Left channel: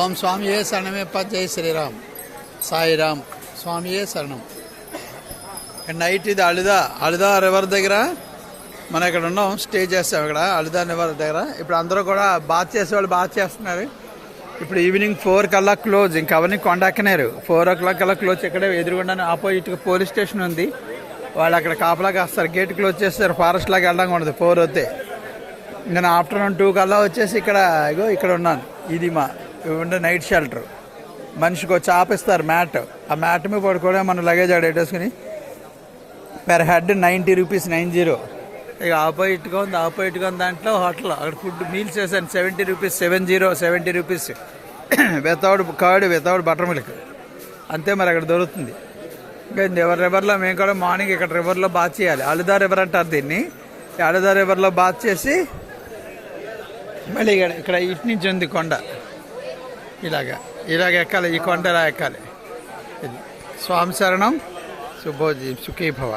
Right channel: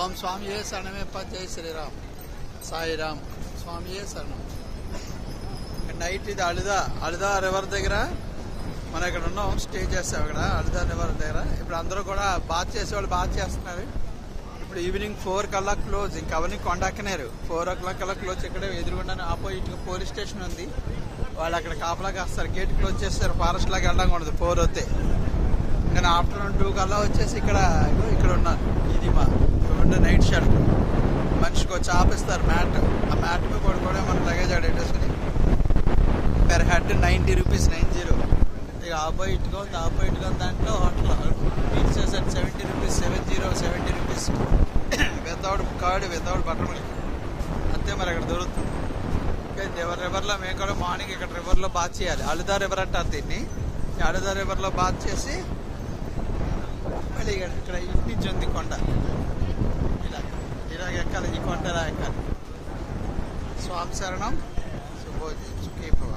ఓం స్వామియే శరణమేప్ప, జై శ్రీరామ్, సాయిరామ్, స్వామియే శరణం. నైట్ ఇది అలుదా రివర్ దగ్గర మనం ఇక్కడ ఉన్నాం, స్టే చేస్తాం ఇక్కడ అలుదా రివర్ దగ్గర. ఇప్పుడు అందరూ కూడా బాత్ చేసేవాళ్ళు బాత్ చేస్తున్నారు. ఇప్పుడు ఈవినింగ్ 4 కల్లా క్లోజ్. ఇంకా అవన్నీ కొండెక్కనేరు. 4 o'clock కల్లా క్లోజ్. ఇక్కడే ఎదురుగుండానే ఆపోజిట్గా పోలీస్ స్టేషన్ ఉంది. వాళ్ళు అక్కడ కాపలా కాస్తారు. గేట్ క్లోజ్ చేస్తారు. ఫారెస్ట్ లాగా వెళ్ళడం ఉండదు 4 అవుతే. ఇంకా ఆఫ్టర్నూన్ 2 కల్లా వచ్చేసి ఇక్కడ ఉన్నాను. ఇది మా నైట్ షెల్టర్. మనిషికి వచ్చి ఆపిస్తారు మ్యాట్. ఆ మ్యాట్ మీద పడుకోవడం మనం లగేజ్ ఆడేటేసుకుని పెర్ హెడ్ 90 రూపీస్ 90. ఇక ఆపోజిట్గా ఉంది దాంట్లో హోటల్. అక్కడ ఫుడ్ మీల్స్ చేశాను 70 rupees 70 rupees without curd without butter milk. అంతే మరి అక్కడ దొరుకుతుంది. ఇంకా రివర్లో మేము కూడా మార్నింగ్ ఇక్కడ రివర్లో బాత్ చేయాలి. అలుదా రివర్ అంటారు దీన్ని. అలుదా రివర్లో బాత్ చేసి మళ్ళీ ఇక్కడ ఇటు నుంచి ఉంది కొండ. ఇలాగ ఎక్కాలి. ఈ కొండ ఇలా ఎక్కాలి. స్వామి శరణం. సుఖీ భవ.